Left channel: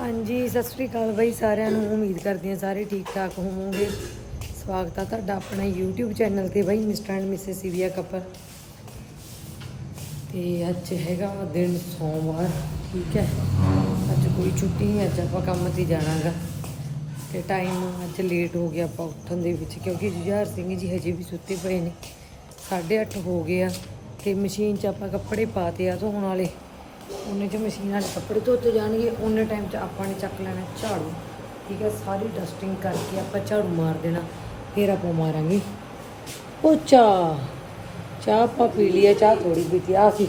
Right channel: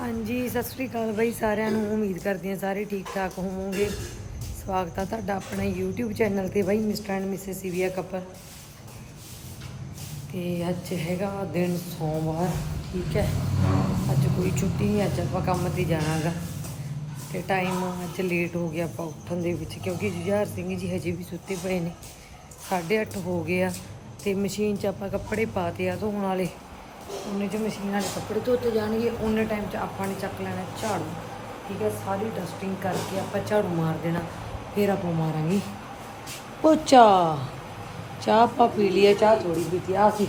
ਹਾਂਜੀ, ਸਤਿ ਸ੍ਰੀ ਅਕਾਲ ਬਈ ਸਾਰਿਆਂ ਨੂੰ। ਉਮੀਦ ਕਰਦੀ ਹਾਂ ਸਾਰੇ ਠੀਕ ਠਾਕ ਹੋਵੋਗੇ। ਸਵਾਗਤ ਆ ਤੁਹਾਡਾ ਆਪਣਾ YouTube ਚੈਨਲ ਤੇ ਬਈ, mister and missus Seevia couple. ਤੇ ਅੱਜ ਹੈਗਾ ਦਿਨ ਸੋਮਵਾਰ, ਠੀਕ ਹੈ? ਅੱਜ ਕੋਈ ਛੁੱਟੀ ਨਹੀਂ, ਅੱਜ ਆਪਾਂ ਕੰਮ ਤੇ ਜਾਣਾਗਾ। ਤੇ ਟਾਈਮ ਅੱਜ ਲੇਟ ਹੋ ਗਿਆ ਆਪਾਂ ਉੱਠਣ ਦੇ ਵਿੱਚ, ਕਿਉਂਕਿ ਜੁਝਾਰ ਸਿੰਘ ਜੀ ਹਜੇ ਵੀ ਸੁੱਤੇ ਪਏ ਨੇ। 8:30 ਹੋ ਗਏ ਆ, ਤੇ ਮਸ਼ੀਨ 'ਚ ਆਪਾਂ ਕੱਪੜੇ ਪਾਤੇ ਆ ਧੋਣ ਵਾਲੇ। ਉਹਨੇ 'ਚ ਮਸ਼ੀਨ ਵਾਲੇ ਕੱਪੜੇ ਧੋਤੇ ਜਾਣਗੇ, ਉਹਨੇ ਟਾਈਮ 'ਚ ਆਪਾਂ ਨੇ ਚੱਕ ਲੈਣਾ ਝਾੜੂ। ਠੀਕ ਹੈ, ਸਾਰੀ ਡਸਟਿੰਗ ਕਰਕੇ ਆਪਾਂ ਝਾੜੂ ਮਾਰ ਦੇਣਾ, ਫਿਰ ਆਪਾਂ ਮਾਰਾਂਗੇ। ਪੋਚਾ ਚਾਹ ਆਪਾਂ ਪੀ ਲਈ ਆ ਚਾਹ ਥੋੜੀ ਪੀਤੀ ਆ ਸੀ।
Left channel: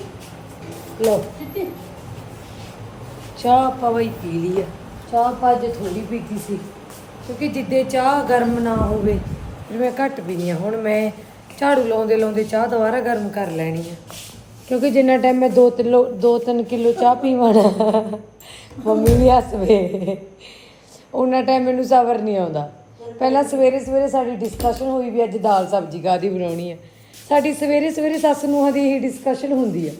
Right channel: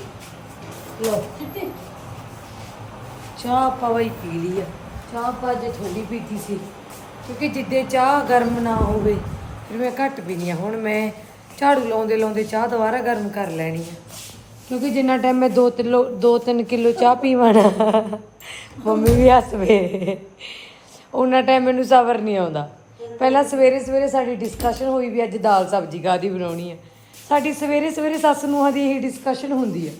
ਲਓ। ਚਾਹ ਆਪਾਂ ਬਈ ਪੀ ਲਈ ਆ ਚਾਹ ਆਪਾਂ ਅੱਜ ਥੋੜੀ ਪੀਤੀ ਸੀ, ਕਿਉਂਕਿ ਜਿੱਦੇ ਚਾਹ ਗਰਮ ਨਾ ਹੋਵੇ, ਫਿਰ ਮੈਂ ਘੱਟ ਪੀਣੀ ਆ। ਹੁਣ ਮੈਂ ਝਾੜੂ ਲਾਉਂਦੇ ਲਾਉਂਦੇ ਚਾਹ ਦੁਬਾਰਾ ਗਰਮ ਕਰ ਲੈਣੀ ਆ। ਕਿਉਂਕਿ ਜਿੰਨਾ ਟਾਈਮ ਮੈਂ 2 ਕਿਲੋ 2-3 ਕਿਲੋ ਚਾਹ ਪੀਵਾਂ ਨਾ, ਮੰਮੀ ਵੀ ਹੱਸਵੇ ਉਹਨਾਂ ਟਾਈਮ ਮੈਨੂੰ ਸਬਰ ਨਹੀਂ ਆਉਂਦਾ। ਪਹਿਲਾਂ ਸਵੇਰੇ ਸਵੇਰੇ ਸਾਡੀ ਡਿਸਕਸ਼ਨ ਹੋਈ ਵੀ ਅੱਜ ਦਾਲ ਸਬਜ਼ੀ ਕਾਦੀ ਬਣਾਉਣੀ ਹੈ ਸਾਡੀ ਸਵੇਰੇ ਸਵੇਰੇ ਸੱਸ ਨੂੰਹਾਂ ਦੀ ਇਹੀ ਡਿਸਕਸ਼ਨ ਹੁੰਦੀ ਹੈ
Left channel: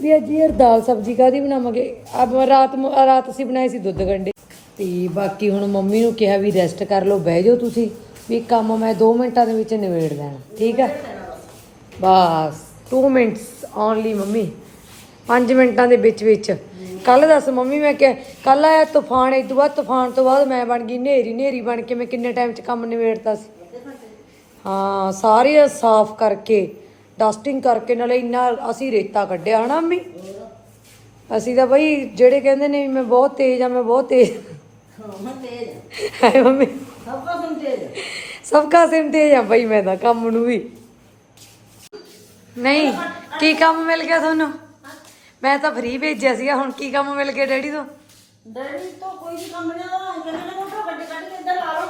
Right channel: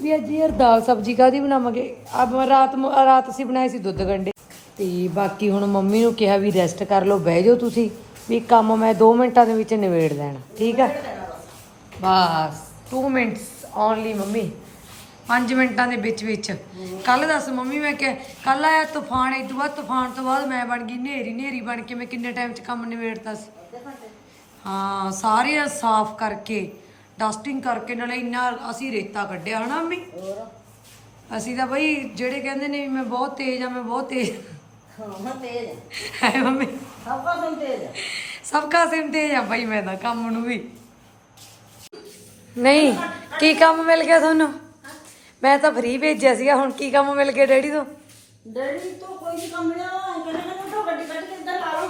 ਵੀ ਅੱਜ ਯਾਰ ਦਾਲ ਸਬਜ਼ੀ ਕਾਦੀ ਬਣਾਵਾਂਗੇ? ਅਬ ਰਾਤ ਰਾਤ ਅਸੀਂ ਬਣਾਏ ਸੀ ਦੁੱਧ ਗੰਡੇ ਤੇ ਬਾਕੀ ਹੁਣ ਮੰਮੀ ਨੂੰ ਕਿਹਾ ਵੀ ਰੈਸਟ ਕਰ ਲਓ, ਬਹਿ ਜਾਓ ਤੁਸੀਂ। ਵੀ ਕੰਮ ਮੈਂ 2 ਮਿੰਟਾਂ ਦੇ ਵਿੱਚ ਨਿਬੇੜ ਦੇਣਾ ਠੀਕ ਆ? ਬਸ। 2 ਮਿੰਟਸ ਓਨਲੀ ਮੰਮੀ। 5 ਮਿੰਟਾਂ ਦੇ ਵਿੱਚ ਵਿੱਚ। ਕੱਲ ਦੱਸ ਮੰਮੀ ਮੈਂ ਕਿ ਕੱਲ ਆਇਆ ਤੂਫਾਨ ਇਦੋਂ ਬਾਅਦ ਤੂਫਾਨ ਤੋਂ ਬਾਅਦ ਮੈਂ ਬਣ ਗਈ ਨੇਰੀ ਨੇਰੀ ਬਣ ਕੇ ਮੈਂ ਕਿੰਨੇ ਟਾਈਮ 'ਚ ਕੰਮ ਨਿਬੇੜਤਾ ਸੀ। ਹਾਂ ਸਾਰੇ ਸਾਫ਼ ਕਰਕੇ ਡਸਟਿੰਗ ਕਰਕੇ ਨਾਲੇ ਇੰਨਾ ਅਸੀਂ ਰੇਤਾ ਕੱਢਿਆ ਹਨਾ ਮੰਮੀ? ਅਸੀਂ ਤਾਂ ਬਈ ਜਿਹੜੇ ਕਹਿੰਦੇ ਨੇ ਮੈਂ ਬਹੁਤ ਤੇਜ਼ ਆ ਮੈਂ ਬਹੁਤ ਤੇਜ਼। ਹੈ ਮੰਮੀ? ਸਭ ਕਾ ਸਿਮ ਤੇਜ਼ ਆ ਬਈ ਮੈਂ ਤਾਂ ਕੰਮ ਨੂੰ ਵੀ। ਨਹੀਂ ਕੀ ਕੰਮ ਮਿਲ ਗਿਆ ਤੁਹਾਨੂੰ? ਮੈਂ ਤਾਂ ਫ੍ਰੀ ਭੇਜਿਆ ਸੀਗਾ ਹੁਣ ਕੀ ਕੰਮ ਮਿਲ ਗਿਆ ਡੈਡੀ ਤੋਂ? ਡੈਡੀ ਤੋਂ ਕੋਈ ਵੀ ਕੰਮ ਨਹੀਂ ਆ ਕਹਿੰਦੇ ਨੇ ਮੋਟਰ ਗੱਡੀ ਕੱਢ ਕੇ ਇੱਧਰ ਲਾ ਲਓ।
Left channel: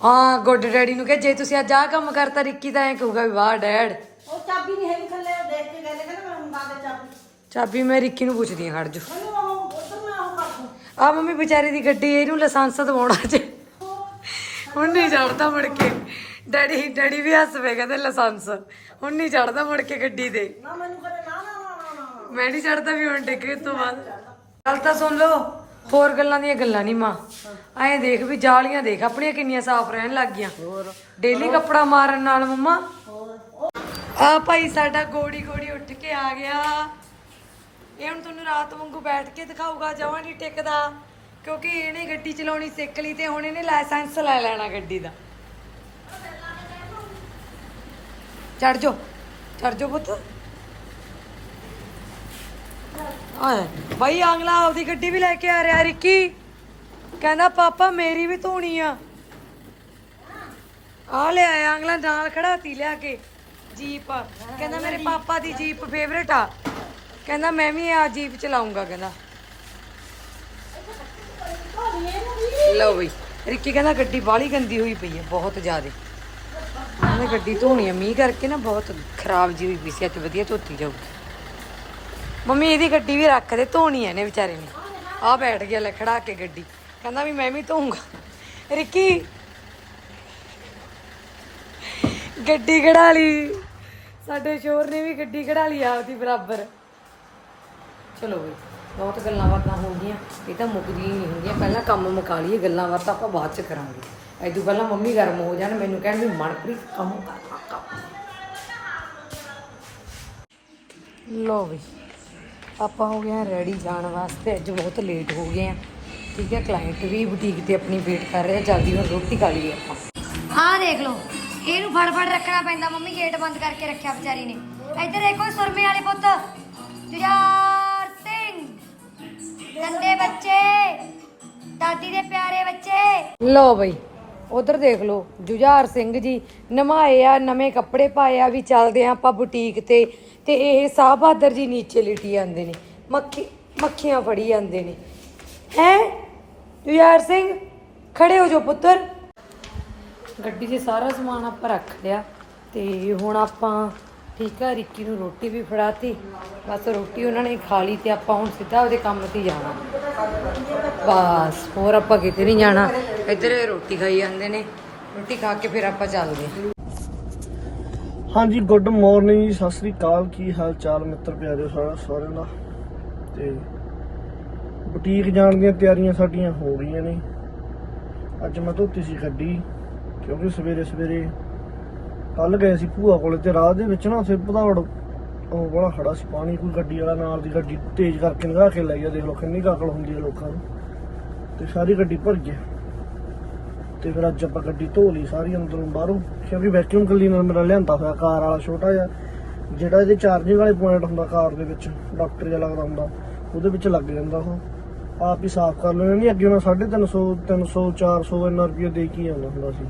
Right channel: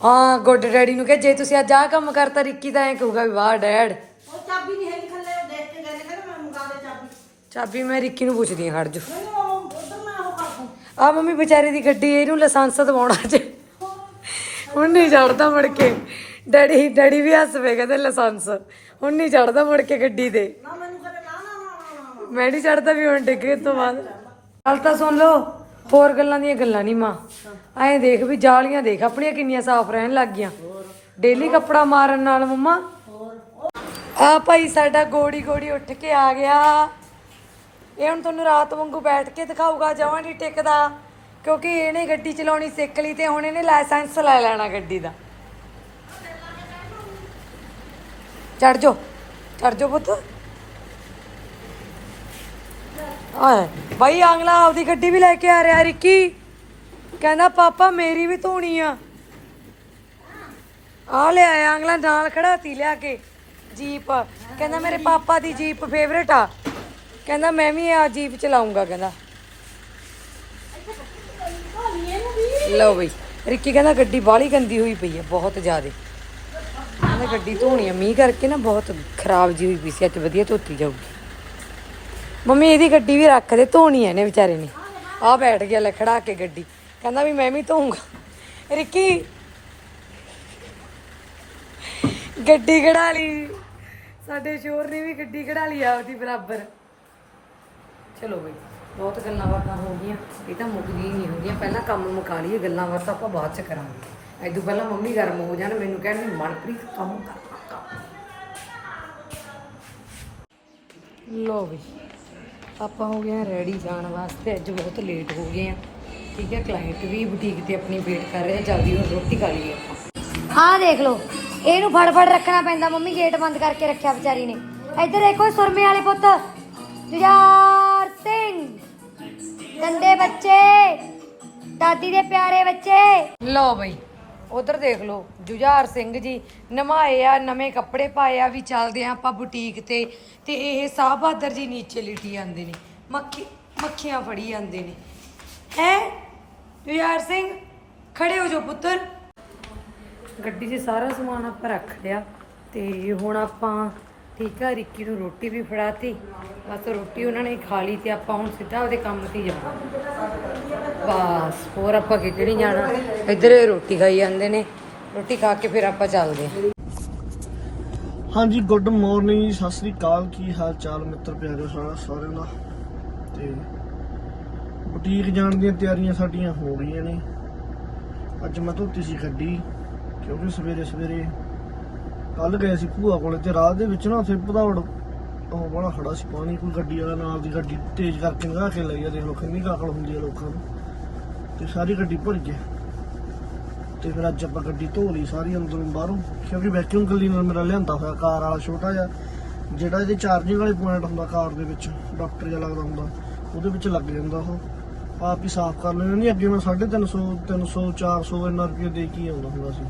ਹਾਂ ਗੁੱਡ ਡੈਡੀ ਨੂੰ ਕਿ ਜੇ ਤੁਸੀਂ ਅੱਜ ਆਹ ਕੰਮ ਕਰਤਾ ਰਿੱਕੀ ਤਾਂ ਐ ਕਹੂਗਾ ਵੀ ਵਾਹ ਡੈਡ। ਉਹ ਚਾਬੀ ਨਹੀਂ ਹੈਗੀ ਥੱਲੇ ਉਹ ਦੇਖ ਕੇ ਕਹਿੰਦੇ ਕਹਿੰਦੇ ਮੈਂ ਮੰਗਾ ਦੇ ਚਾਬੀ। ਚਾਬੀ ਮੈਂ ਰਿੱਕੀ ਨੂੰ ਪੁੱਛਦੀ ਹਾਂ ਖੜ ਜੋ ਮੈਨੂੰ ਉਹ ਉਧਰ ਮੈਂ ਉਹ ਕਰ ਦੂੰ। ਆ ਮੰਮੀ ਵਿਚਾਰੀ ਦੀ ਗੱਡੀ ਇਹਨੂੰ ਲਾਇਸੈਂਸ ਦਵਾਉਣਾ ਜੇ। ਹੁਣ ਨਹੀਂ ਚੜਦਾ ਮੁੜ ਕੇ। ਡੈਡੀ ਡੈਡੀ ਵੀ ਹੱਸ ਪਏ ਕਹਿੰਦੇ ਲਾਇਸੈਂਸ। ਹੁਣ ਨਹੀਂ ਚੜਦਾ ਮੁੜ ਕੇ ਗੱਡੀ ਤੇ। ਨਾ ਮੈਨੂੰ ਕਦੇ ਨਾ ਨਾ ਨਾ ਨਾ ਮੈਂ ਨਹੀਂ ਚੜਦਾ ਵੀ ਹੁਣ ਡਿੱਗੇ ਤੋਂ ਬਾਅਦ। ਗੱਲ ਤਾਂ ਸੁਣ ਲਓ ਹੋਰ ਗੱਲਾਂ ਦੀਆਂ ਗੱਲਾਂ ਨਹੀਂ ਮਾਂ। ਐਂ ਦੇਖ ਵੀ ਜਾਲੀਆਂ ਦੇਖ ਆਪਣੀਆਂ ਕਿੰਨੀਆਂ ਸਾਫ਼ ਰਹਿਣ ਲੱਗ ਗਈਆਂ। ਡੇਲੀ ਕੱਪੜਾ ਮਾਰਨ ਨਾਲ ਮੰਮਾ। ਆ ਭਾਈ ਸਾਡਾ ਗੋੜੀ ਗੋੜੀ ਉੱਠ ਕੇ ਆ ਗਿਆ। ਇਹ ਹੁਣ ਤੁਹਾਨੂੰ ਰਾਤ ਵਾਂਗੂ ਬੈਠ ਕੇ ਦਿਖਾਊਗਾ ਜਮਾਂ ਨਹੀਂ ਟਿਕਦਾ। ਕਿਉਂਕਿ ਇਹਨੇ ਗੱਡੀ ਚਲਾਉਣੀ ਸਿੱਖ ਲਈ ਤੇ ਹੁਣ ਇਹਨੇ ਲਾਇਸੈਂਸ ਲੈ ਲੈਣਾ ਗੱਡੀ ਦਾ। ਚੜ ਜਾਓ। ਚੜ ਜਾ ਪੁੱਤ। ਆਏ ਭਾਈ ਆਂਗਲਾ ਆਪਦੀ ਗੱਡੀ ਵੀ ਲੈ ਕੇ ਆ ਰਿਹਾ ਰਿੱਕੀ। ਕਹਿੰਦਾ, ਪਾਪਾ, ਮੇਰੀ ਵੀ ਧੋਣੀ ਆ। ਆ ਲੈ ਆਇਆ ਆਂਗਲਾ ਨਾਲ ਖੜਾਤੀ ਲਿਆ ਕੇ, ਜੀਪ। ਕਹਿੰਦਾ, ਮੇਰੇ ਪਾਪਾ ਦੀ ਜੀਪ ਫੇਵਰੇਟ ਆ। ਕਹਿੰਦਾ, ਮੈਂ ਵੀ ਆ ਜੀਪ ਚਲਾਉਂਗਾ ਕਹਿੰਦਾ। ਲਓ ਬਈ, ਰਿੱਕੀ ਕਹਿੰਦਾ, ਗੱਡੀ ਬਾਹਲੀ ਗੰਦੀ ਹੋਈ ਪਈ ਹੈ, ਬਹੁਤ ਜ਼ਿਆਦੇ। ਕਹਿੰਦਾ ਗੱਡੀ ਧੋਣੀ ਆ। ਮੀਂਹ ਕਰਕੇ ਨਾ ਬਹੁਤ ਖਰਾਬ ਜੀ ਹੋਈ ਪਈ ਸੀ। ਅੱਜ ਵਧੀਆ ਧੋਤੀ ਜਾਊਗੀ। ਮੰਮੀ, ਇਹਦੀ ਗੱਡੀ ਵੀ ਰੱਖ ਦੇ। ਧੋਣੀ ਐ ਨੇ ਵਿਚਾਰੇ ਨੇ। ਆ ਬੈਠ ਗਿਆ ਲੈ, ਖੜਾ ਕੇ ਗੱਡੀ। ਕਹਿੰਦਾ ਵੀ ਮੈਂ ਵੀ ਧੋਊਂਗਾ। ਰਿੱਕੀ, ਗੱਡੀ ਕਢਾ ਲਈ। ਸਾਡੇ ਸ਼ੋਰ ਨੇ ਵੀ ਗੱਡੀ ਕਢਾ ਲਈ ਆਪਦੀ ਬਰਾਬਰ। ਚਲੋ ਬਈ, ਬਹੁਤ ਗੱਲਾਂ ਬਾਤਾਂ ਹੋ ਗਈਆਂ। ਇਹ ਤਾਂ ਮੁੱਕਦੀਆਂ ਹੀ ਨਹੀਂ ਹੁੰਦੀਆਂ। ਪਹਿਲਾਂ ਕੰਮ ਮੁਕਾ ਲਈਏ, ਗੱਲਾਂ ਬਾਤਾਂ ਆਪਾਂ ਬਾਅਦ ਚ ਕਰਾਂਗੇ। ਐਦੋਂ ਪਹਿਲਾਂ ਮੰਮੀ ਗਰਮ ਹੋ ਜਾਣ ਮੈਨੂੰ ਕਹਿਣ ਵੀ ਮਨਪ੍ਰੀਤ ਕੰਮ ਕਰ ਲੋ ਬਈ ਆਪਾਂ ਹੋ ਗਏ ਰੈਡੀ ਜਾਣ ਵਾਸਤੇ ਅੱਜ ਬਹੁਤ ਲੇਟ ਹੋ ਗਏ ਆ ਠੀਕ ਹੈ ਕਲਾਇੰਟ ਵੀ ਬੁਟੀਕ ਤੇ ਆਪਣੀ ਵੇਟ ਕਰ ਰਿਹਾ ਜਲਦੀ ਹੁਣ ਰੋਟੀ ਖਾ ਲਈਏ ਆਪਾਂ। ਹਾਂ ਦੇਖ ਲਓ ਇਹਨੂੰ ਫੜ ਫੜ ਰੱਖਣਾ ਪੈਂਦਾ ਮੰਮੀ ਗੇਟ ਬੰਦ ਕਰਕੇ ਰੱਖਿਆ ਵਿਚਾਰੀ ਨੇ। ਇੱਧਰ ਦੇਖੋ ਸੁਰਮੇ ਵਾਲੇ ਪੁੱਤ। ਜੁਝਾਰ ਸਿੰਘ। ਗੰਦੇ ਬੱਚੇ। ਦਾਦੀ ਦੇ ਪਿਆਰੇ ਬੱਚੇ। ਲੋ ਬਈ ਉਧਰ ਦੇਖ ਲਓ, ਜੁਝਾਰ ਸਿੰਘ ਜੀ ਨਮਾਏ ਆ, ਨਵੇਂ ਕੱਪੜੇ ਪਾਏ ਆ, ਵੀ ਚੱਲਦੇ ਆ ਆਪਾਂ ਬੁਟੀਕ ਤੇ। ਤੇ ਇਹ ਸਾਹ ਬਹਾਦਰ ਜੀ ਨੀਚੇ ਲਿਟੀ ਜਾਂਦੇ ਨੇ, ਮੱਖੀ, ਮੱਖੀਆਂ ਫੜੀ ਜਾਂਦੇ ਨੇ। ਹੈ? ਜੁਝਾਰ ਸਿੰਘ, ਖੜੇ ਹੋ ਜਾਓ ਪੁੱਤਰ। ਗੱਡੀ 'ਚ ਸਾਰਾ ਸਮਾਨ ਆਪਾਂ ਰੱਖ ਲਿਆ ਤੇ ਹੁਣ ਆਪਾਂ ਠੀਕ ਆ, ਰਿੱਕੀ ਨੂੰ ਰੋਟੀ ਵੀ ਫੜਾਤੀ। ਬਸ ਰੋਟੀ ਉਹਨਾਂ ਨੇ ਖਾ ਲਈ ਤੇ ਆਪਾਂ ਹੁਣ ਸਿੱਧਾ ਉਹਦੇ ਕੰਮ ਤੇ ਜਾਣਾ। ਬਸ, ਹੋਰ ਆਪਾਂ ਕਿਤੇ ਨਹੀਂ ਜਾਣਾ। ਇੱਧਰ ਰੋਟੀ ਖਾਈ ਜਾਂਦੇ ਨੇ। ਰੋਟੀ ਖਾ ਕੇ ਫਿਰ ਆਪਾਂ ਚੱਲਦੇ ਹਾਂ। ਹਾਂਜੀ ਗੁੱਡ ਮਾਰਨਿੰਗ ਜੀ ਸਤਿ ਸ੍ਰੀ ਅਕਾਲ। ਕੀ ਹਾਲ ਚਾਲ ਮਿੱਤਰ ਪਿਆਰਿਓ ਸਾਰਾ ਸਾਰਿਆਂ ਦਾ? ਤੇ ਬੁਟੀਕ ਜਾਣ ਦੀਆਂ ਤਿਆਰੀਆਂ ਸਾਡੀਆਂ ਹੋ ਰਹੀਆਂ ਨੇ। ਅੱਜ ਮੈਂ ਧੋਤੀ ਸੀ ਗੱਡੀ, ਕਿਉਂਕਿ ਸਵੇਰੇ ਸਵੇਰੇ ਕੱਲ ਗਏ ਸੀ ਭੂਆ ਕੋਲ ਤੇ ਰਾਹ ਦੇ ਵਿੱਚ ਨਾ ਉੱਥੇ ਭਦੌੜ ਉਹ ਬੜਾ ਖੜਾ ਸੀ ਪਾਣੀ, ਕੋਈ ਗੱਡੀ ਵਾਲਾ ਨਾਲ ਦੀ ਗੱਡੀ ਤੇਜ਼ ਕਰਕੇ ਲੰਘਾ ਕੇ ਲੈ ਗਿਆ ਦੇਖ ਲਓ ਕਿੰਨੀ ਕਾਕਲ ਹੁੰਦੀ ਹੈ ਲੋਕਾਂ ਨੂੰ। ਤੇ ਸਾਰੀ ਗੱਡੀ ਭਰ ਗਈ। ਤੇ ਫਿਰ ਅੱਜ ਆਪਾਂ ਗੱਡੀ ਧੋ ਲਈ ਸਾਰੀ ਅੰਦਰੋਂ ਬਾਹਰੋਂ, ਕਿਉਂਕਿ ਵੈਕਿਊਮ ਕਲੀਨਰ ਮੇਰਾ ਲਿਆਂਦਾ ਹੋਇਆ ਕਾਰ ਵਾਲਾ ਛੋਟਾ ਜਿਹਾ। ਜਿਹੜਾ ਜੇ ਚਾਰਜਿੰਗ ਵਾਲੇ ਪੁਆਇੰਟ ਹੁੰਦਾ ਕਾਰ ਦੇ ਵਿੱਚ ਡਾਕਟਰ ਜਿਹਾ ਲੱਗਦਾ ਹੁੰਦਾ, ਉਹਦੇ ਵਿੱਚ ਲੱਗ ਜਾਂਦਾ ਸੀ ਆਪ ਹੀ ਸਾਫ਼ ਕਰ ਲੈਣਾ ਨਹੀਂ ਅੱਗੇ ਮੈਂ 350 300 400 ਇੰਨਾ ਰੁਪਏ ਦੇ ਕੇ ਹੀ ਆਉਂਦਾ ਹੁੰਦਾ ਸੀ।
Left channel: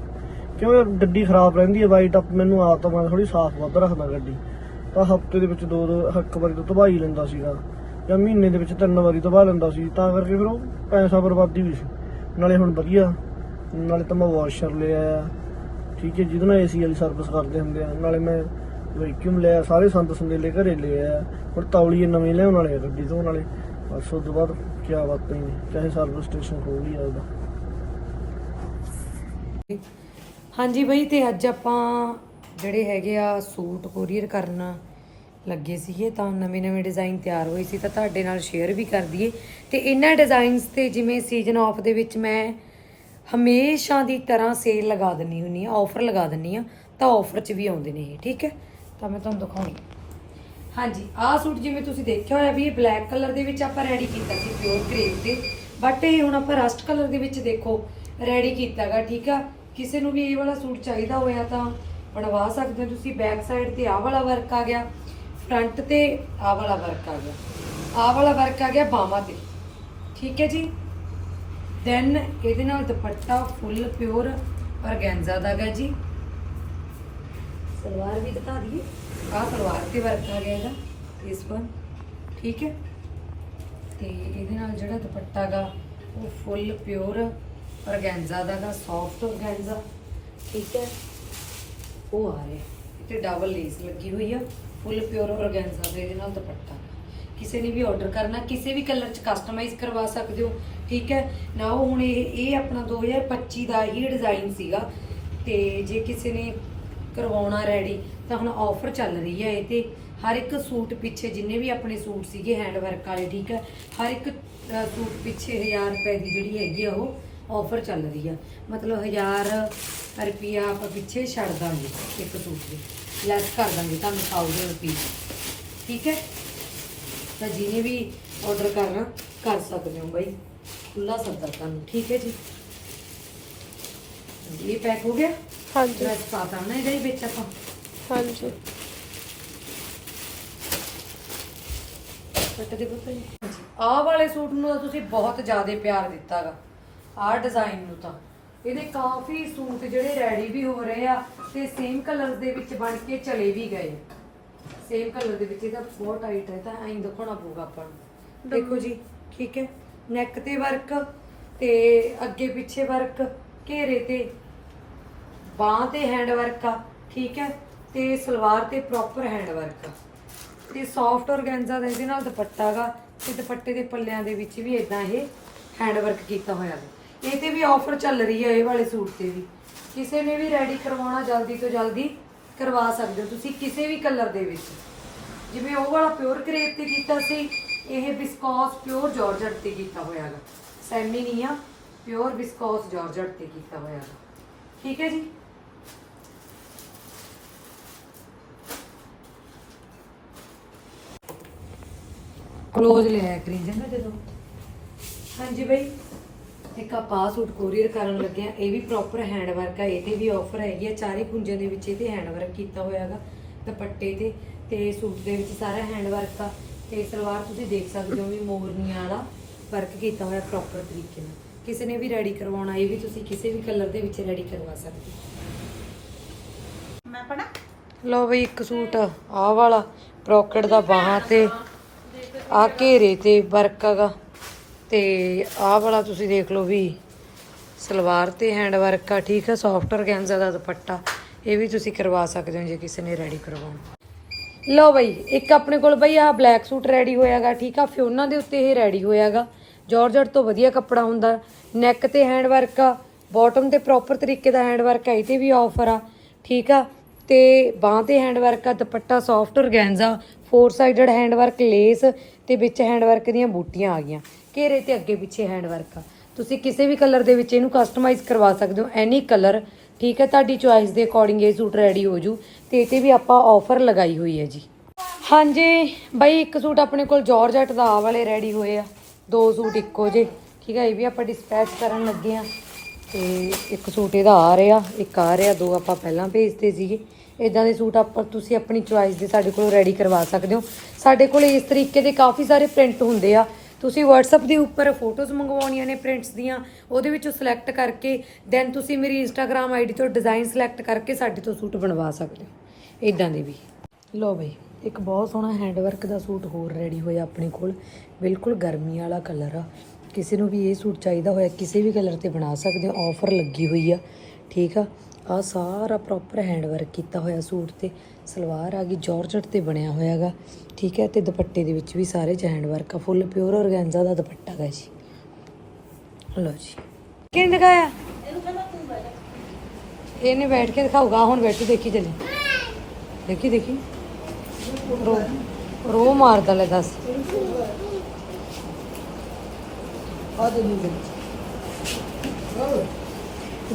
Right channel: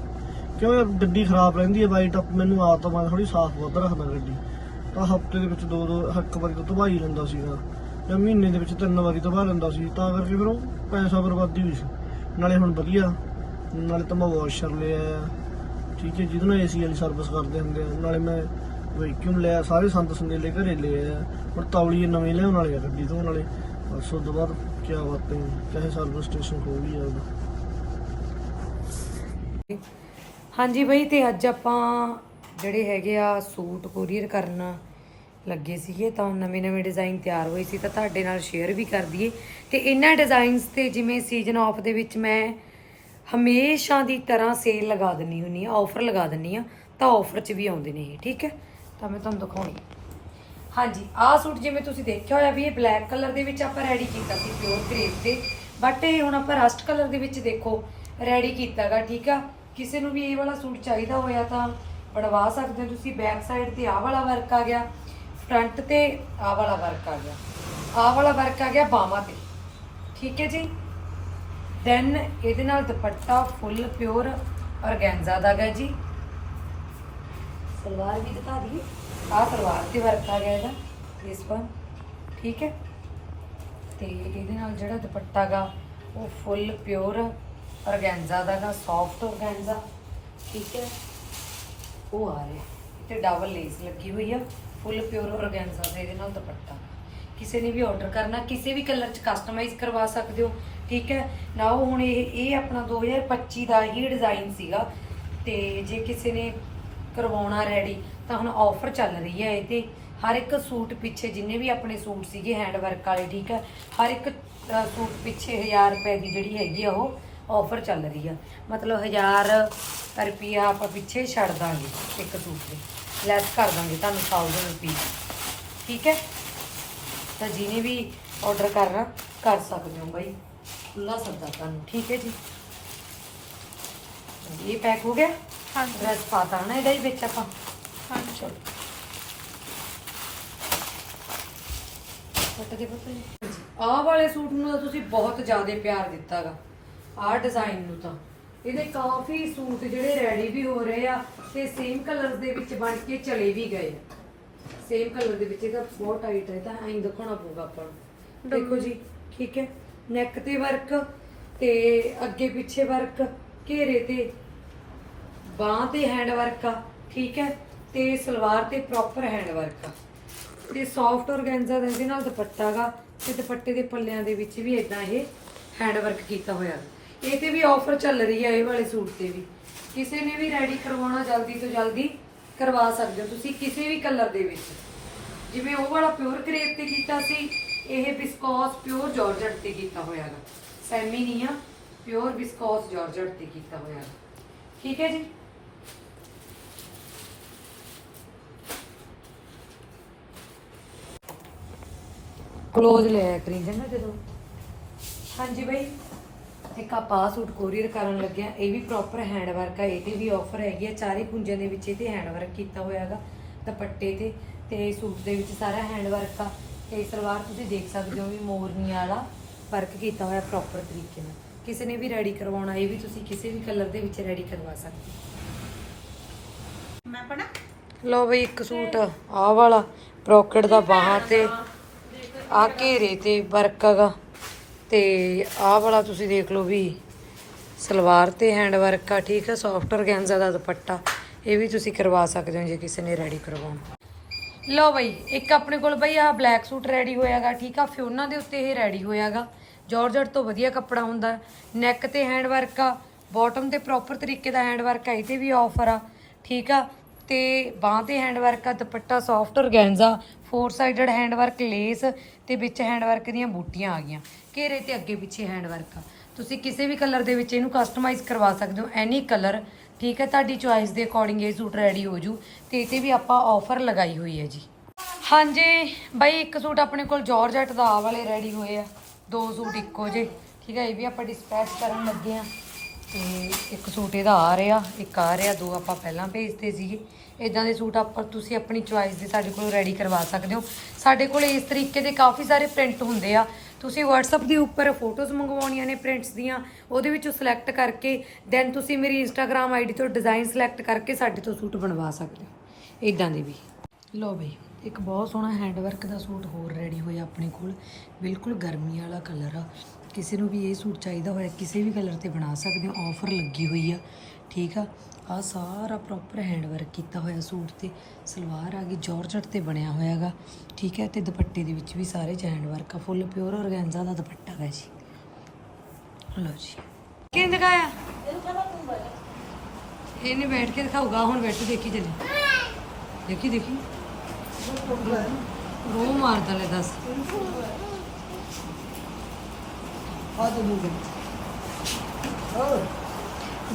ਕਿਉਂ ਗੱਡੀ ਖਰਾਬ ਰਹਿੰਦੀ ਹੈ ਵਾਈਟ ਅਪ ਮੈਨੂੰ ਆਦਤ ਮੈਂ ਥੋੜੀ ਸਾਫ਼ ਵੱਧ ਰੱਖਦਾ ਗੱਡੀ। ਤਾਂ ਹਫ਼ਤੇ ਦੇ ਵਿੱਚ ਦੋ ਦੋ ਇੱਕ ਵਾਰੀ ਤਾਂ ਧਵਾਈ ਲੈਂਦਾ ਸੀਗਾ। ਜਾਂ ਮਹੀਨੇ ਦੇ ਵਿੱਚ ਤਿੰਨ ਵਾਰੀ ਧਵਾ ਲੈਂਦਾ ਸੀ, ਤਾਂ ਕਰਕੇ ਫਿਰ ਉਹ ਪੈਸਾ ਬਰਬਾਦੀ ਹੋਈ ਸੀ ਨਾਲੇ ਹੁਣ ਵਧੀਆ। ਨਾਲੇ ਤਾਂ ਮੈਂ ਵਾਸ਼ਰ ਲਿਆ ਠੀਕ ਹੈ, ਜਿਹਦੇ ਨਾਲ ਏਸੀ ਵਾਲੀ ਸਰਵਿਸ ਕਰਦੇ ਹੁੰਦੇ ਆ। ਨਾਲੇ ਮੈਂ ਵੈਕਿਊਮ ਲਿਆ, ਸਾਰੇ ਸੰਦ ਸੰਦੇਲੇ ਘਰੇ ਲਿਆ ਹੁਣ ਤੌਲੀਏ ਨਵੀਂ ਲਿਆਉਣ ਵਾਲੇ ਗੱਡੀ ਤੋਂ ਨਾਲੇ। ਬਸ ਉਸ ਤੋਂ ਬਾਅਦ ਕੀ ਬਾਤ ਹੈ, ਚਾਹੇ ਸਰਵਿਸ ਸਟੇਸ਼ਨ ਖੋਲ ਲਿਆ ਉਹਦਾ ਹਾਂਜੀ ਬਈ, ਤੇ ਅੱਜ ਆਪਾਂ ਜਿਹੜੇ ਹੈਗੇ ਆ ਸੂਟ ਕੋਰੀਅਰ ਕਰਨ ਲੱਗੇ ਸੀਗੇ, ਤਾਂ ਨਵੇਂ ਨਵੇਂ ਡਿਜ਼ਾਈਨ ਤਿਆਰ ਹੋਏ ਸੀ, ਤਾਂ ਤੁਹਾਡੇ ਨਾਲ ਸ਼ੇਅਰ ਵੀ ਕਰ ਦਈਏ। ਤੇ ਇਹਨਾਂ ਡਿਜ਼ਾਈਨਸ ਤੇ ਜਿਵੇਂ ਸੀਜ਼ਨ ਆਫ ਦੇ ਵਿੱਚ ਮੈਂ ਹਮੇਸ਼ਾ ਦੀ ਤਰ੍ਹਾਂ ਸੇਲ ਲਗਾ ਦਿੰਨੀ ਹੁੰਨੀ ਆ ਆਫਰ ਲਗਾ ਦਿੰਨੀ ਆ ਤਾਂ ਆਫਰ 'ਚ ਵੀ ਆਉਂਦੇ ਨੇ ਇਹ, ਠੀਕ ਹੈ? ਤਾਂ ਮੈਂ ਤੁਹਾਨੂੰ ਦਿਖਾਉਣੀ। ਹਾਂਜੀ, ਆਹ ਸੂਟ ਜਿਵੇਂ ਤੁਸੀਂ ਦੇਖਿਆ ਹੋਇਆ ਵੀ ਇਹ ਬਲੈਕ ਕਲਰ ਦੇ ਵਿੱਚ ਆਪਾਂ ਰੈਡੀ ਕੀਤਾ ਸੀ ਪਿਓਰ ਕਰੇਪ ਤੇ ਬਟ ਇਹ ਹੁਣ ਆਪਾਂ ਰਸਟ ਕਲਰ ਦੇ ਵਿੱਚ ਦੇਖੋ ਰੈਡੀ ਕੀਤਾਗਾ, ਠੀਕ ਆ? ਕਿਸੇ ਨੂੰ ਵੀ ਇਹ ਵਾਲਾ ਸੂਟ ਚਾਹੀਦਾ ਹੋਇਆ ਤਾਂ ਬਣਵਾ ਸਕਦੇ ਹੋ ਤੁਸੀਂ ਬੈਕ ਸਾਈਡ ਤੇ ਆਹ ਵਾਲਾ ਵਰਕ ਆ ਗਿਆ। ਫਰੰਟ ਤੇ ਆਹ ਵਾਲਾ ਵਰਕ ਆ ਗਿਆ। ਆਹ ਵਾਲਾ ਵਰਕ ਆ ਗਿਆ ਬਾਹਾਂ ਤੇ। ਠੀਕ ਹੈ ਜੀ? ਦੈਨ ਇਹਦੇ ਨਾਲ ਦੁਪੱਟਾ ਫੁੱਲ ਪਿਓਰ ਔਰਗੈਂਜ਼ਾ ਦਾ ਗਾ ਜੀ। ਸਲਵਾਰ ਵੀ ਦਿਖਾ ਦਈਏ। ਆਹ ਸਲਵਾਰ ਤੇ ਵਰਕ ਆ ਗਿਆ ਇਹਦਾ ਇਸ ਪਰ ਠੀਕ ਹੈ? ਤੇ ਇਹਦੇ ਨਾਲ ਜਿਹੜਾ ਦੁਪੱਟਾ ਗਾ ਉਹ ਫੁੱਲ ਪਿਓਰ ਔਰਗੈਂਜ਼ਾ ਦਾ ਗਾ ਸੌਫਟ ਔਰਗੈਂਜ਼ਾ ਠੀਕ ਹੈ? ਉਹ ਆ ਰਿਹਾ। ਤੇ ਡਬਲ ਲੇਸ ਲੱਗੀ ਹੋਈ ਆ। ਫੁੱਲ ਪਿਓਰ ਔਰਗੈਂਜ਼ਾ ਦੇ ਇਹਦੇ ਨਾਲ ਦੁਪੱਟਾ। ਕਿਸੇ ਨੇ ਵੀ ਆਰਡਰ ਕਰਨਾ, ਕਿਸੇ ਵੀ ਕਲਰ ਚ ਕਸਟਮਾਈਜ਼ ਕਰਵਾ ਸਕਦੇ ਹੋ, ਠੀਕ ਹੈ? ਨਾ ਉਹ ਹੁਣ ਇਹ ਇਹ ਆਪਣਾ 2025 ਦਾ ਹੀ ਡਿਜ਼ਾਈਨ ਸੀਗਾ ਤੇ ਜੇ ਕਿਸੇ ਨੇ ਕਰਵਾਉਣਾ ਰੈਡੀ ਤਾਂ ਹੁਣ ਆਫਰ ਚੱਲ ਰਹੀ ਹੈ ਇਹ ਤੇ ਹਰ ਇੱਕ ਸੂਟ ਪਿੱਛੇ ਜਿੰਨੇ ਵੀ ਆਪਣੇ ਸੂਟ ਸੀਗੇ ਹੈਂਡ ਵਰਕ ਵਾਲੇ, ਠੀਕ ਹੈ? ਹਰ ਇੱਕ ਸੂਟ ਪਿੱਛੇ 1000 ਰੁਪਏ ਦੀ ਜਿਹੜੀ ਹੈਗੀ ਆ ਉਹ ਆਫਰ ਚੱਲ ਰਹੀ ਆ। ਮਤਲਬ 1000 ਰੁਪਿਆ ਆਪਾਂ ਪਿੱਛੇ ਛੱਡ ਦਾਂਗੇ ਇੱਕ ਸੂਟ ਦੇ। ਲੈਸ ਕਰ ਦਾਂਗੇ ਤੁਹਾਨੂੰ 1000 ਰੁਪਏ। ਠੀਕ ਹੈ? ਤਾਂ ਜਿਹਨੇ ਵੀ ਆਰਡਰ ਕਰਨਾ ਕਰ ਸਕਦੇ ਹੋ ਬਾਈ। ਖੁੱਲਾ ਸੱਦਾ ਤੁਹਾਨੂੰ ਠੀਕ ਹੈ ਜੀ? ਇਹ ਪੈਕ ਹੋ ਗਿਆ? ਹਾਂਜੀ। ਡਰੈਸ ਪਾਤਾ ਨਾ ਇਹਦਾ ਹੀ ਵਿੱਚ ਆਪਾਂ। ਹਾਂਜੀ। ਦੇ ਪਤਾ ਆਹ ਵਾਲੇ ਸੂਟ ਨੂੰ ਤਾਂ ਤੁਸੀਂ ਬਹੁਤ ਜ਼ਿਆਦਾ ਪਿਆਰ ਦਿੱਤਾਗਾ ਆਹ ਡਿਜ਼ਾਈਨ ਨੂੰ ਤਾਂ। ਇਹਦੇ ਕਾਫੀ ਸੂਟ ਜਿਹੜੇ ਰੈਡੀ ਵੀ ਹੋ ਰਹੇ ਆ ਤੇ ਸੇਮ ਕਲਰ ਦੇ ਵਿੱਚ ਬਣ ਕੇ ਚਲੇ ਵੀ ਗਏ। ਸੇਮ ਕਲਰ ਦੇ ਵਿੱਚ ਇਹਦਾ ਬਹੁਤ ਟਾਈਟ ਹੈ ਤਾਂ ਐਂ ਦਿਖਾਉਣਾ ਪਊਗਾ ਆਪਾਂ ਨੂੰ। ਦੇਖੋ ਜੀ, ਠੀਕ ਹੈ? ਨੈਕ ਤੇ ਵਰਕ ਤੇ ਅੱਗੇ ਪਿੱਛੇ ਵਰਕ ਘੇਰੇ ਤੇ ਬਾਹ ਤੇ ਹੈਂਡ ਵਰਕ ਆ, ਠੀਕ ਹੈ? ਤੇ ਸਲਵਾਰ ਤੇ ਪ੍ਰੋਪਰ ਹੈਂਡ ਵਰਕ ਆ। ਤੇ ਸੌਫਟ ਔਰਗੈਂਜ਼ਾ ਦਾ ਇਹਦੇ ਨਾਲ ਦੁਪੱਟਾ ਗਾ ਤੇ ਦੁਪੱਟੇ ਦੇ ਪੱਲਿਆਂ ਦੇ ਵਿੱਚ ਵੀ ਇਦਾਂ ਇਹ ਹੈਂਡ ਵਰਕ ਕੀਤਾ ਹੋਇਆ। ਗਾ। ਇਹ ਤੇ ਵੀ ਆਫਰ ਚੱਲ ਰਹੀ ਹੈ ਇਹ ਵਾਲੇ ਸੂਟ ਤੇ ਵੀ। ਕਿਸੇ ਨੇ ਵੀ ਰੈਡੀ ਕਰਵਾਉਣਾ ਜਲਦੀ ਤੋਂ ਜਲਦੀ ਕਰਵਾ ਸਕਦੇ ਹੋ ਤੁਸੀਂ ਕਿਸੇ ਵੀ ਕਲਰ ਦੇ ਵਿੱਚ। ਜਿਵੇਂ ਉਹ ਵਾਲਾ ਪਿਓਰ ਕਰੇਪ ਤੇ ਕੀਤਾ ਸੀ, ਇਹ ਵਿਸਕੋਸ ਪਿਓਰ ਜਾਰਜਟ ਤੇ ਕੀਤਾ ਹੋਇਆ ਗਾ। ਸੈਮੀ ਨਹੀਂ ਆ ਪਿਓਰ ਵਿਸਕੋਸ ਜਾਰਜਟ ਤੇ ਕੀਤਾ ਹੋਇਆ ਗਾ। ਠੀਕ ਹੈ ਜੀ? ਕਲੋਜ਼ ਲਿਆ ਕਰੀ ਜਾਂਦਾ ਜਦੋਂ। ਹਾਂਜੀ ਬਈ। ਇੱਕ ਆਪਾਂ ਸੂਟ ਕੋਰੀਅਰ ਕਰਨ ਲੱਗਿਆ। ਇਹ ਵੀ ਪ੍ਰੋਪਰ ਹੈਂਡ ਵਰਕ ਆ ਇਹਦੇ ਵੀ ਆਫਰ ਹੈਗੀ ਆ। ਚਾਰੇ ਪੁੰਜਾਂ ਦੇ ਵਿੱਚ ਇਹਦੇ ਹੈਂਡ ਵਰਕ ਕੀਤਾ ਹੋਇਆ ਹੈਗਾ ਦੁਪੱਟੇ ਤੇ ਤੇ ਸੂਟ ਦੇ ਵਿੱਚ ਸਾਰਾ ਹੈਂਡ ਵਰਕ ਆ। ਤੇ ਸਲਵਾਰ ਤੁਸੀਂ ਦੇਖ ਸਕਦੇ ਹੋ ਵੀ ਮੋਰਨੀ ਵਾਲਾ ਵਰਕ ਕੀਤਾ ਹੋਇਆ ਪ੍ਰੋਪਰ ਤਰੀਕੇ ਨਾਲ। ਕਿਸੇ ਨੇ ਵੀ ਰੈਡੀ ਕਰਵਾਉਣਾ ਇਹ ਵੀ ਤੁਸੀਂ ਕਿਸੇ ਵੀ ਕਲਰ ਦੇ ਵਿੱਚ ਰੈਡੀ ਕਰਵਾ ਸਕਦੇ ਹੋ। ਮੈਂ ਪੜਾ ਲਓ ਬਈ ਇੱਕ ਸੂਟ ਆਹ ਵਾਲਾ ਪ੍ਰੋਕਟ ਦਾ ਬਾਹਾਂ ਤੇ ਆ ਘੇਰੇ ਤੇ ਵਰਕ ਹੈਗਾ। ਤੇ ਆਹ ਵਾਲਾ ਤੁਸੀਂ ਦੇਖ ਲਓ ਵੀ ਸਲਵਾਰ ਤੇ ਹੈਂਡ ਵਰਕ ਆ, ਠੀਕ ਆ ਸੌਫਟ ਔਰਗੈਂਜ਼ਾ ਦਾ ਦੁਪੱਟਾ। ਇਹ ਵੀ ਤੁਸੀਂ ਕਰਵਾ ਸਕਦੇ ਹੋ ਜੇ ਕਿਸੇ ਨੇ ਰੈਡੀ ਕਰਵਾਉਣਾ। ਲਓ ਬਈ, ਇੱਕ ਆਪਣੇ ਕੋਲ ਬਈ ਆਹ ਬਲੈਕ ਸੂਟ ਰੈਡੀ ਹੋਇਆਗਾ, ਠੀਕ ਆ, ਫਿਓਨਾ ਦੇ ਉੱਤੇ ਇਹ ਰੈਡੀ ਹੋਇਆਗਾ। ਜਾਰਜਟ ਤੋਂ ਵਧੀਆ ਕੱਪੜਾ ਹੁੰਦਾ ਨੈਕ ਤੇ ਹੈਂਡ ਵਰਕ ਆ ਬਾਟਮ ਤੇ ਪ੍ਰੋਪਰ ਤਰੀਕੇ ਦਾ ਹੈਂਡ ਵਰਕ ਹੈ ਇਹ ਤੇ ਵੀ ਆਫਰ ਆ, ਠੀਕ ਆ। ਤੇ ਬਾਹ ਤੇ ਹੈਂਡ ਵਰਕ ਆ, ਦੁਪੱਟਾ soft organza four sided hand work lace ਤੇ ਵਿੱਚ ਹੈਂਡ ਵਰਕ ਦੀਆਂ ਬੂਟੀਆਂ ਆ ਗਈਆਂ। ਘੇਰੇ ਤੇ ਅੱਗੇ ਪਿੱਛੇ ਹੈਂਡ ਵਰਕ ਆ ਤੁਸੀਂ ਕਿਸੇ ਵੀ ਕਲਰ ਦੇ ਵਿੱਚ ਇਹਨੂੰ ਕਸਟਮਾਈਜ਼ ਕਰਵਾ ਸਕਦੇ ਹੋ। ਐਨੀ ਕਲਰ ਠੀਕ ਹੈ, ਤੁਹਾਡੀ ਚੁਆਇਸ ਦੇ ਅਕੋਰਡਿੰਗ ਇਹ ਸੂਟ ਰੈਡੀ ਹੋ ਜੂ ਤੇ ਇਹ ਤੇ ਵੀ ਆਪਾਂ ਆਫਰ ਲਗਾਈ ਹੋਈ ਹੈ ਜੀ। ਹਾਂਜੀ, ਬਾਈ ਇੱਕ ਸੂਟ ਆਪਣੇ ਕੋਲ ਜਾਰਜਟ ਦਾ ਆਹ ਵਾਲੇ ਰੈਡੀ ਹੋਏ ਆ। ਦੋ ਸੂਟ ਇੱਕੋ ਜੇ ਠੀਕ ਹੈ, ਇਹ ਵੀ ਆਪਾਂ ਡਿਸਪੈਚ ਕਰਨ ਲੱਗੇ ਆ ਤੇ ਇੱਕ ਸੂਟ ਇਹਦਾ ਆ ਰਿਹਾ, ਇੱਕ ਆ ਰਿਹਾ, ਦੋ ਆਪਾਂ ਪਹਿਲਾਂ ਭੇਜਦੇ ਸੀਗੇ। ਇਦਾਂ ਦੇ ਸੂਟ ਆਪਾਂ, ਤੁਸੀਂ ਆਪਣੀ ਚੁਆਇਸ ਦੇ ਸਾਡੇ ਕੋਲ ਰੈਡੀ ਕਰਵਾ ਸਕਦੇ ਹੋ। ਸਾਡੇ ਕੋਲ ਇਸ ਤਰੀਕੇ ਦੇ ਕਾਫੀ ਸਾਰੇ ਪ੍ਰਿੰਟ ਹੁੰਦੇ ਆ। ਤੁਸੀਂ WhatsApp ਦੇ ਉੱਪਰ ਫੋਟੋਜ਼ ਮੰਗਵਾਉਣੀਆਂ ਨੇ ਪ੍ਰਿੰਟਸ ਦੀਆਂ, ਉਹਦੇ ਵਿੱਚੋਂ ਸਿਲੈਕਟ ਕਰਕੇ ਦੈਨ ਤੁਸੀਂ ਮੇਰੀ Instagram ਆਈਡੀ ਤੋਂ ਡਿਜ਼ਾਈਨ ਸਿਲੈਕਟ ਕਰਕੇ ਸਾਡੇ ਤੋਂ ਸੂਟ ਬਣਵਾ ਸਕਦੇ ਹੋ। ਇਦਾਂ ਦੇ ਵੀ। ਲੋ ਬਈ, ਇੱਕ ਬਹੁਤ ਸੋਹਣਾ ਹੈਂਡਵਰਕ ਦਾ ਸੂਟ ਹੋਰ ਰੈਡੀ ਹੋਇਆ ਆਪਣੇ ਕੋਲ। ਬਿਲਕੁਲ ਗਰਮੀ ਵਾਲਾ ਕਲਰ ਆ। ਕਿਸੇ ਨੂੰ ਵੀ ਇਹ ਸੂਟ ਚਾਹੀਦਾ ਹੋਇਆ, ਕਿਸੇ ਵੀ ਕਲਰ ਤੇ ਬਣਾ ਸਕਦੇ ਹੋ। ਆਫਰ ਲੱਗੀ ਹੋਈ ਆ। ਠੀਕ ਆ? ਆ ਸਾਰਾ ਪ੍ਰੋਪਰ ਹੈਂਡਵਰਕ ਕੀਤਾ ਹੋਇਆ ਸੂਟ ਤੇ। ਸਲਵਾਰ ਆ ਗਈ, ਜਾਰਜਟ ਤੇ ਬਣਿਆ ਹੋਇਆਗਾ ਠੀਕ ਹੈ ਤੇ ਦੁਪੱਟੇ ਦੇ ਵਿੱਚ ਵੀ ਸਾਰੇ ਚ ਹੈਂਡਵਰਕ ਆ। ਫੁੱਲ ਪਿਓਰ ਔਰਗੈਂਜ਼ਾ ਦਾ ਦੁਪੱਟਾ ਹੈ ਜੀ। ਲਓ ਜੀ। ਕਿੰਨ ਦਿਖਾਇਆ? ਇਹਨੇ ਬੈਠ ਕੇ ਦਿਖਾਊਗਾ। ਹੁਣ ਬੈਠ ਦੇਖੀ ਚਲੇ। ਦੇਖੀ ਦੇਖੀ। ਰੋ ਰੋ ਮਾਰਦਾ ਲੈ ਦੱਸ।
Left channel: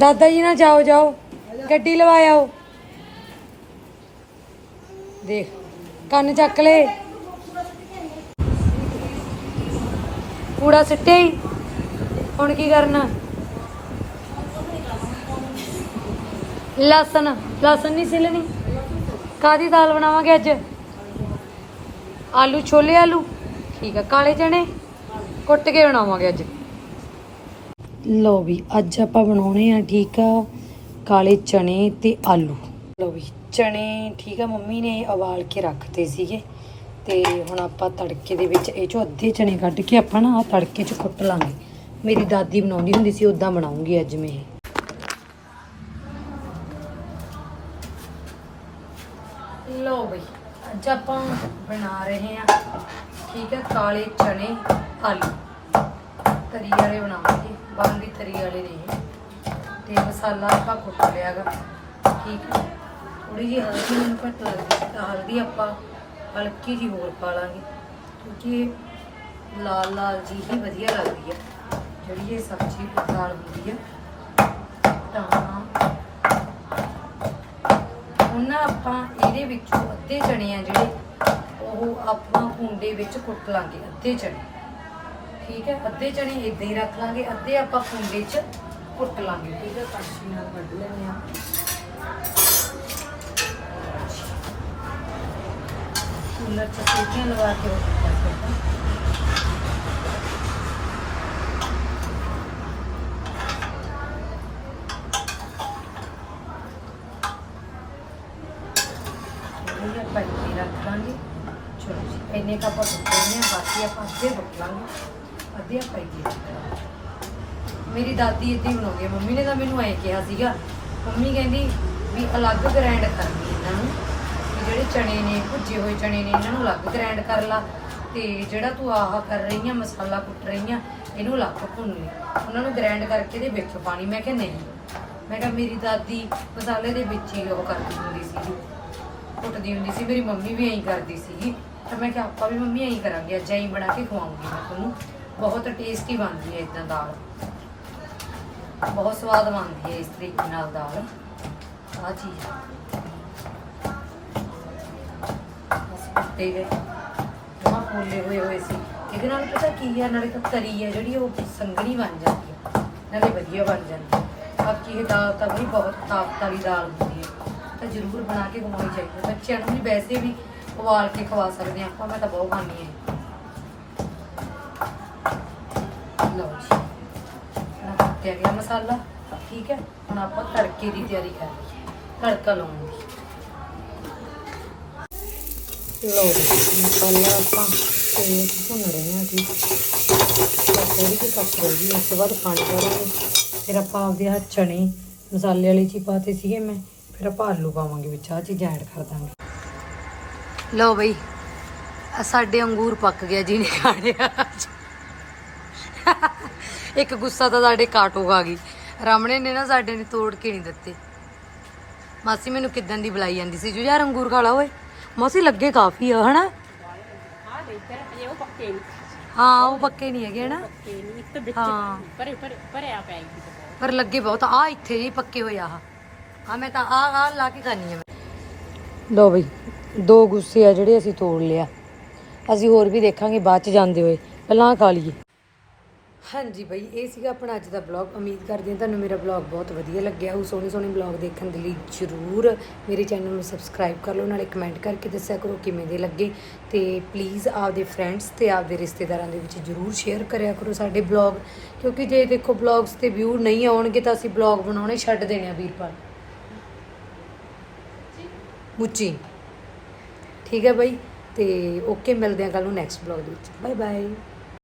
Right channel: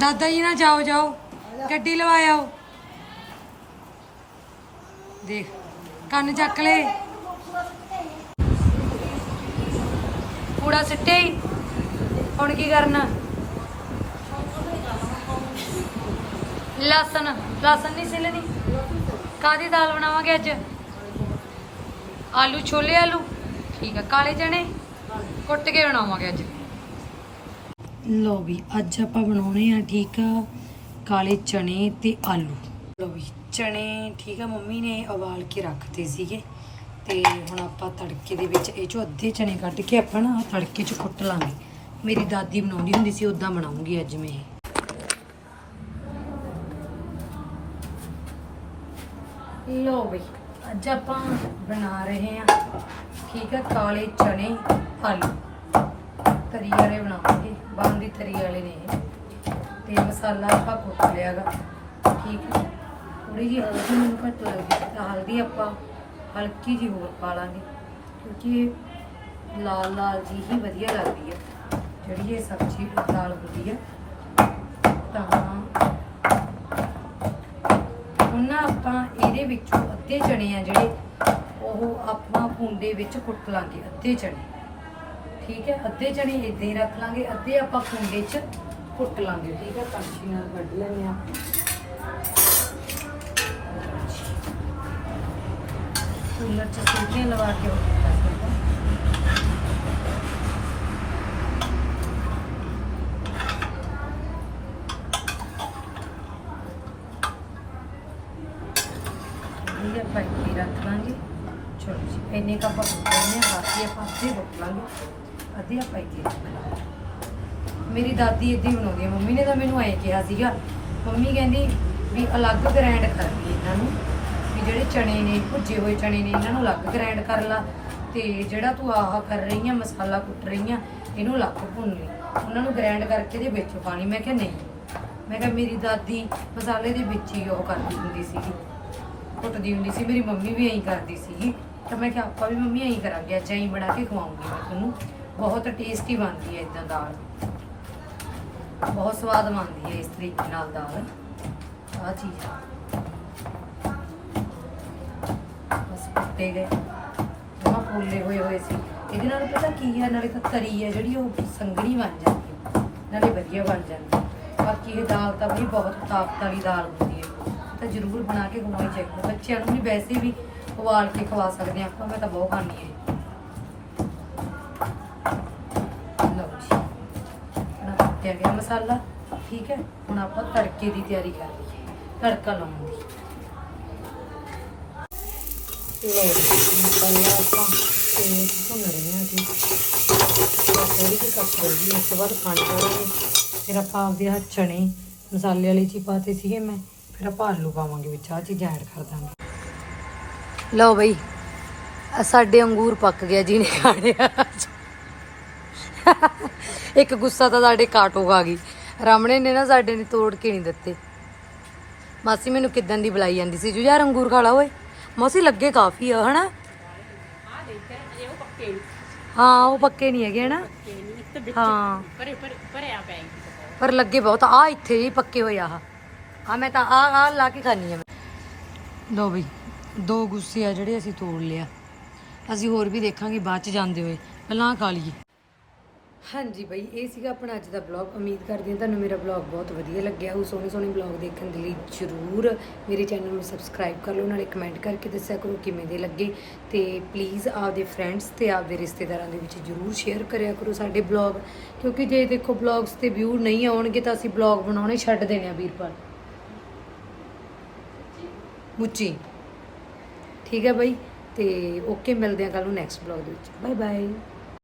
ਦਾਦਾ ਜੀ ਨਾ ਜਾਓ ਜਾਓ। ਗੱਡੀ ਲਵਾਇਓ। ਦੇਖ, ਕੰਨ ਚੱਕ ਲੈ। ਕੂੜਾ ਸਿੱਟੇ ਹੁਣ ਕੀ ਕਰਨਾ? ਲਸਣ ਲਸਣ ਨਹੀਂ ਛਿੱਲਣੀ ਕਾਦੀ ਦਾਲ ਬਣਾਵਾਂਗੇ ਅੱਜ? ਆਲੂ, ਛੋਲੇ ਆਲੂ? ਠੀਕ ਆ, ਕਾਲੇ ਚਣੇ ਕੁੱਟ ਕੇ ਬਣਾਵਾਂਗੇ ਅੱਜ। ਲਓ ਵੀ, ਅੱਜ ਆਪਾਂ ਬਣਾਉਣੇ ਆ ਠੀਕ ਆ ਕਾਲੇ ਚਣੇ ਤੇ ਆਲੂ। ਲਓ ਵੀ ਚਣੇ ਠੀਕ ਆ, ਮੰਮੀ ਨੇ ਉਬਾਲ ਕੇ ਰੱਖਤੇ ਸੀਗੇ। ਤੇ ਹੁਣ ਆਪਾਂ ਤੜਕੇ ਦੇ ਵਿੱਚ ਇਹ ਚੋਂ ਅੱਧੇ ਚਣੇ ਕੱਢ ਕੇ ਆਪਾਂ ਨਾ ਆ ਤੜਕੇ ਚ ਕੁੱਟ ਲਾਂਗੇ। ਮੇਰੀ ਦਾਦੀ ਬਣਾਉਂਦੀ ਹੁੰਦੀ ਸੀ ਉਦਾਂ ਬਣਾਉਂਗੀ ਅੱਜ ਮੈਂ ਇਹ। ਲੋ ਬਈ ਅੱਜ ਆਪਾਂ ਬਣਾ ਰਹੇ ਹਾਂ ਠੀਕ ਹੈ ਕਾਲੇ ਚਣੇ ਆਲੂ। ਤਰੀ ਵਾਲੇ ਬਣਾਵਾਂਗੇ ਬਾਹਰ ਦੀ ਤਰੀ ਵਾਲੇ ਨੇ ਇਹ। ਤੇ ਮਸਾਲਾ ਆਪਾਂ ਕੁੱਟ ਲਿਆਗਾ। ਠੀਕ ਹੈ। ਥੋੜੀ ਜਿਹੀ ਹਲਦੀ ਨੂੰ ਘੱਟ ਲੱਗਦੀ ਤਾਂ ਹਲਦੀ ਆਪਾਂ ਹਲਕੀ ਜਿਹੀ ਹੋਰ ਪਾ ਲਾਂਗੇ। ਕਿਉਂਕਿ ਲਾਲ ਲਾਲ ਜੀ ਹੀ ਵਧੀਆ ਲੱਗਦੀ ਹੈ। ਜਿਹੜੀ ਇਹ ਸਬਜ਼ੀ ਦਾਲ ਹੁੰਦੀ ਹੈ। ਤਾਂ ਉਹਨਾਂ ਆਪਾਂ ਇਹਦੇ ਵਿੱਚੋਂ ਅੱਧੇ ਚਣੇ ਆ ਜਿਹੜੇ, ਉਹ ਆਪਾਂ ਭੁੰਡੇ ਵਿੱਚ ਕੁੱਟ ਲਾਂਗੇ, ਅੱਧੇ ਚਣੇ ਠੀਕ ਹੈ, ਅੱਧੇ ਚਣੇ ਇਦਾਂ ਹੀ ਰੱਖ ਲਾਂਗੇ, ਅੱਧੇ ਆਪਾਂ ਕੁੰਡੇ 'ਚ ਕੁੱਟ ਲਾਂਗੇ, ਠੀਕ ਹੈ ਕੜਛੀ ਨਾਲ ਕੱਢ ਲੈਣੇ ਆ ਕੂਲਰ 'ਚ ਸੀਟੀਆਂ ਲਵਾ ਕੇ ਉਹ ਕੁੱਟਿਆ ਸੀਗਾ ਇਹ ਆਪਾਂ ਇੱਥੇ ਰੱਖ ਲਾਂਗੇ। ਚਲੋ ਜੀ, ਇੰਨੇ ਕੱਪ ਆਪਾਂ ਕੁੱਟਣੇ ਆ ਬਾਕੀ ਆਪਾਂ ਅੱਧੇ ਕੁੱਟ ਆਪਾਂ ਇੱਥੇ ਮੇਰੀ ਦਾਦੀ ਇੱਦਾਂ ਹੀ ਬਣਾਉਂਦੀ ਆ। ਮੰਮੀ ਨੇ ਤਾਂ ਮੈਨੂੰ ਐਂ ਕਿਹਾ ਸੀਗਾ। ਮੰਮੀ ਕਹਿੰਦੀ ਵੀ ਅਲੱਗ ਗ੍ਰੈਂਡ ਕਰਦੀ ਇਹਨਾਂ ਨੂੰ। ਵੀ ਜਿਹੜੇ ਚਣੇ ਨੇ, ਭੁੱਜੇ ਹੋਏ ਚਣੇ ਨੇ, ਇਹਨਾਂ ਨੂੰ ਅਲੱਗ ਗ੍ਰੈਂਡ ਕਰ ਲਾ। ਤੇ ਜਿਹੜਾ ਤੂੰ ਆਹ ਕਰ ਰਹੀ ਆ, ਮਸਾਲਾ ਕੁੱਟ ਰਹੀ ਆ, ਇਹਨੂੰ ਅਲੱਗ ਭੁੰਨ ਲਈ ਉਹਨਾਂ ਨੂੰ ਗ੍ਰੈਂਡ ਕਰਕੇ ਇਹਦੇ ਵਿੱਚ ਪਾਣੀ। ਮੈਂ ਕਿਹਾ ਨਹੀਂ। ਮੈਂ ਕਿਹਾ ਮੇਰੀ ਦਾਦੀ ਮਸਾਲੇ ਦੇ ਵਿੱਚ ਹੀ ਉਹ ਕਰਦੀ ਹੁੰਦੀ ਸੀਗੀ। ਕੁੱਟਦੀ ਹੁੰਦੀ ਸੀ। ਮੇਰੀ ਮੰਮੀ ਵੀ ਐਂ ਕਰਦੀ ਸੀਗੀ। ਤਾਂ ਮੈਂ ਕਿਹਾ, ਆਪਾਂ ਵੀ ਮੰਮੀ ਐਂ ਕਰਾਂਗੇ। ਅੱਜ ਐਂ ਬਣਾ ਕੇ ਖਵਾਉਂਗੀ ਮੈਂ ਤੁਹਾਨੂੰ। ਬਹੁਤ ਟੇਸਟੀ ਬਣਦੀ ਹੈ ਇਦਾਂ ਦਾਲ। ਬਹੁਤ ਸਵਾਦ ਬਣਦੀ ਹੈ ਇਸ ਤਰੀਕੇ ਨਾਲ ਦਾਲ। ਆ ਚੀਜ਼। ਬਸ ਕੁੱਟੇ ਗਏ ਜਮਾ ਫੁੱਲੇ ਹੋਏ ਹੋਏ ਸੀ। ਇਹਦੇ ਨਾਲ ਪਤਾ ਕੀ ਹੈ ਨਾਲੇ ਤਾਂ ਤਰੀ ਹੈ ਜਿਹੜੀ, ਉਹ ਸੰਘਣੀ ਬਣ ਜਾਂਦੀ ਨਾਲੇ ਵਧੀਆ ਬਣ ਜਾਂਦੀ ਬਾਕੀ ਇਹ ਦਾਲ ਤਾਂ ਬਈ ਬਹੁਤ ਤਾਕਤ ਵਾਲੀ ਦਾਲ ਹੁੰਦੀ ਹੈ ਤਾਂ ਜ਼ਰੂਰ ਬਣਾ ਕੇ ਖਵਾਉਣੀ ਚਾਹੀਦੀ ਹੈ ਬੱਚਿਆਂ ਨੂੰ ਵੀ ਵੈਸੇ ਵੀ ਉਬਾਲ ਕੇ ਖਵਾ ਸਕਦੇ ਹਾਂ ਆਪਾਂ, ਮੈਂ ਤਾਂ ਬਹੁਤ ਖਾਂਦੀ ਹਾਂ ਲਓ ਜੀ ਨਾ ਕੁੱਟਿਆ ਗਿਆ ਮਸਾਲਾ, ਠੀਕ ਹੈ? ਹੁਣ ਆਪਾਂ ਤੜਕੇ ਦੀ ਤਿਆਰੀ ਕਰ ਲਈਏ ਤੜਕਾ ਲਾਉਣ ਦੀ ਲਓ ਜੀ ਮਸਾਲਾ ਆਪਾਂ ਤੇ ਭੁੰਨ ਰਹੇ ਹਾਂ ਜੀ। ਥੋੜੀ ਜਿਹੀ ਕੱਟ ਹੋਈ ਉਸ ਤੋਂ ਬਾਅਦ ਪਾਣੀ ਪਾਵਾਂਗੇ। ਫਿਰ ਆਪਾਂ ਆਪਦੇ ਹੱਥ ਚਣੇ ਮਸਾਲੇ ਵਾਲੀ ਚੀ ਪਾਤੇ ਸੀਗੇ ਮੈਂ, ਫਿਰ ਆਪਾਂ ਆਲੂ ਪਾਵਾਂਗੇ ਵਿੱਚ ਆ ਚੀਜ਼ਾਂ ਐਡ ਕਰ ਦਾਂਗੇ। ਲਓ ਬਈ ਸਾਡੇ ਅੰਗੂਰ ਪੱਕ ਗਿਆ ਜੀ ਨੇ ਖਾਣੇ ਅੱਜ। ਇੱਕ ਗੁੱਸਾ ਤਾਂ ਸਾਡੇ ਕਾਟੋ ਆ ਗਈ। ਰਾਮਣੇ ਨੇ ਨਾ ਸਾਡੇ ਨੇ ਤੋੜ ਕੇ ਨਹੀਂ ਦਿੱਤੇ। ਮਾਸੀ ਮੈਨੂੰ ਕਿਦਾਂ ਦੀ ਬੁਲਾਈ ਜਾਂਦੀ ਸੀ? ਜੂ ਯਾਰ ਅੰਗੂਰ ਖਾ ਲਾ ਓਏ। ਮਾਸੀ ਲੱਗੇ ਕਾਫੀ ਆ, ਹਨਾ? ਹਾਂ, ਉਹ ਪੱਕੇ ਨਹੀਂ ਹੈਗੇ, ਹਨਾ? ਹਾਂ। ਪਰ ਲੱਗੇ ਬਹੁਤ। ਆ ਇੱਥੇ ਜੀ ਪੱਕੇ ਹੋਏ ਆ ਆ ਮੈਂ ਤਾਂ ਆ ਆ ਲਾ ਕੇ ਖਾਣੀ ਆ ਲੋ ਬਈ, ਦੋ ਗੁੱਸੇ ਆ ਜਿਹੜੇ ਅਸੀਂ ਤੋੜ ਲਿਆ। ਅਸੀਂ ਹੋਰ ਵੀ ਦੇਖਾਂਗੇ, ਬਾਅਦ ਚ ਜਾਂਦੇ ਹੋਏ। ਪਹਿਲਾਂ ਖਾ ਲਈਏ। ਹਾਂਜੀ ਬਈ, ਇਹ ਸੀਗਾ ਆਪਣਾ ਅੱਜ ਦਾ ਬਲੌਗ ਉਮੀਦ ਕਰਦੀ ਹਾਂ ਤੁਹਾਨੂੰ ਮੇਰਾ ਬਲੌਗ ਬਹੁਤ ਵਧੀਆ ਲੱਗਿਆ ਹੋ ਸੋਹਣੇ ਸੋਹਣੇ ਬਲੌਗ ਦੇਖਣ ਦੇ ਲਈ ਜਰੂਰ ਮੇਰੇ ਚੈਨਲ ਨੂੰ ਸਬਸਕ੍ਰਾਈਬ ਕਰ ਲਓ, ਨਾਲੇ ਕਮੈਂਟ ਕਰਕੇ ਦੱਸਿਆ ਕਰੋ ਕਿਵੇਂ ਦੇ ਲੱਗੇ। ਤੇ ਪਲੀਜ਼ ਆਪਦੇ ਫਰੈਂਡਸ ਤੇ ਆਪਦੇ ਰਿਸ਼ਤੇਦਾਰਾਂ ਦੇ ਵਿੱਚ ਜਰੂਰ ਸ਼ੇਅਰ ਕਰਿਆ ਕਰੋ ਸਾਡੇ ਬਲੌਗ ਕਿਉਂਕਿ ਜੇ ਦੇਖੋ ਬਲੌਗਸ ਤੇ ਵਿਊ ਨਹੀਂ ਆਉਣਗੇ ਤਾਂ ਅਸੀਂ ਬਲੌਗ ਬਣਾਉਣੇ ਛੱਡ ਦੇਣੇ ਆ ਵੀਰਪਾਲ। ਮੁੱਚੀ। ਠੀਕ ਹੈ ਬਾਈ, ਤੇ ਓਕੇ ਮਿਲਦੇ ਆ ਕੱਲ ਨੂੰ ਨੈਕਸਟ ਬਲੌਗ ਦੇ ਵਿੱਚ। Bye bye